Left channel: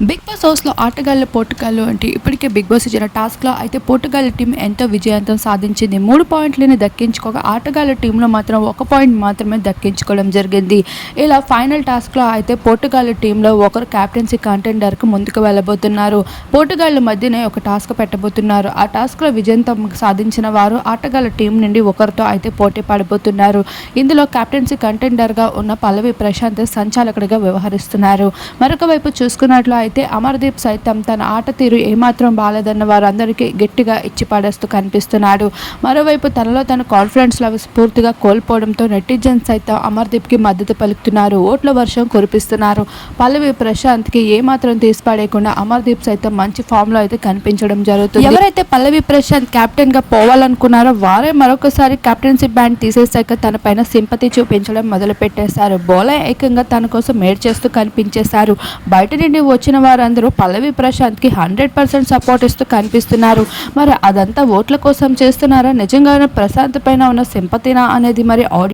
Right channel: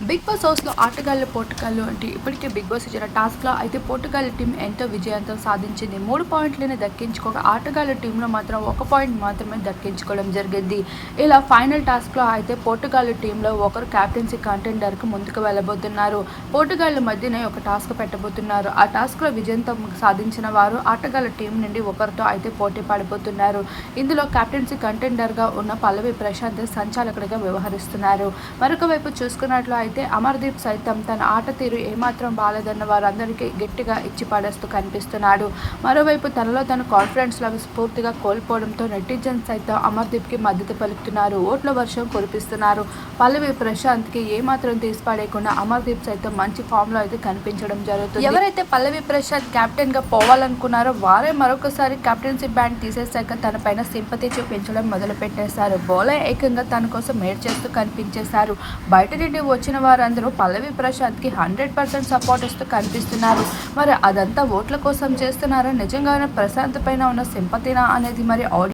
Big boss హౌస్‌లో ఆటగాళ్ళు, పోటుగాళ్ళు అంటే ఇప్పటికే బిగ్ బాస్ ఇచ్చిన టాస్క్‌లో అయితే పోటుగాళ్ళ టీం ఎంతో విజయవంతం సాధించింది. 3 పాయింట్లని దక్కించుకోగా ఆటగాళ్ళ టీంలో మాత్రం 1 పాయింట్ మాత్రమే దక్కించుకోవడం జరిగింది. ఇలా ఫైనల్ టాస్క్‌లో అయితే పోటుగాళ్ళ టీంలో ఒకరు కెప్టెన్సీ కంటెండర్‌కి ముందుకు వెళ్ళబోతున్నారు. పోటుగాళ్ళ మధ్యనే ఒక టాస్క్ పెట్టబోతున్నారు. ఆ టాస్క్‌లో విజయంతం సాధించిన వారు ఆటగాళ్ళ టీం నుండి ఒకరితో అయితే పోటీ పడబోతున్నారు. ఇందులో కెప్టెన్సీ కంటెండర్‌గా ఉన్న పల్లవి ప్రశాంత్ సంచాలకుడిగా వ్యవహరిస్తున్నారు. మరొక వైపు చూసుకున్నట్లు అయితే అమర్దీప్ సైతం తన ఆట తీరు ఏమాత్రం బాలేదన్న వారందరికీ గట్టిగా ఇచ్చి పడేస్తూ కనిపిస్తున్నాడు. మరోవైపు తనలో తన కాన్ఫిడెన్స్ లెవెల్స్ పూర్తిగా కోల్పోవడంతో నెటిజన్స్ సైతం అమర్దీప్కి మద్దతు పలుకుతున్నారు. ఓట్ల వర్షం కురిపిస్తున్నారు. పల్లవి ప్రశాంత్కి ఏమాత్రం తీసిపడేయకుండా అమర్దీప్ సైతం మంచి ఫామ్లో అయితే కనిపించడం జరుగుతుంది. ఎవరైతే పల్లవి ప్రశాంత్ కెప్టెన్గా పోవాలనుకున్నారో వారే మరొకసారి కెప్టెన్సీ బ్యాండ్ తీసేశాక తన పైన సింపతి చూపించడం మొదలుపెట్టేశారు. బౌలర్ ఏకంగా తన కోసం మేడ్ చేస్తూ కనిపించేశారు. బయట నుండి వచ్చిన వారందరూ పల్లవి ప్రశాంత్కి 100% సపోర్ట్ ఇస్తూ కనిపిస్తున్నారు. మరి అదంతా ఓట్ల కోసం చేస్తున్నారా, నిజంగానే ప్రశాంత్ పైన ఉన్న సింపతినా అనేది మరి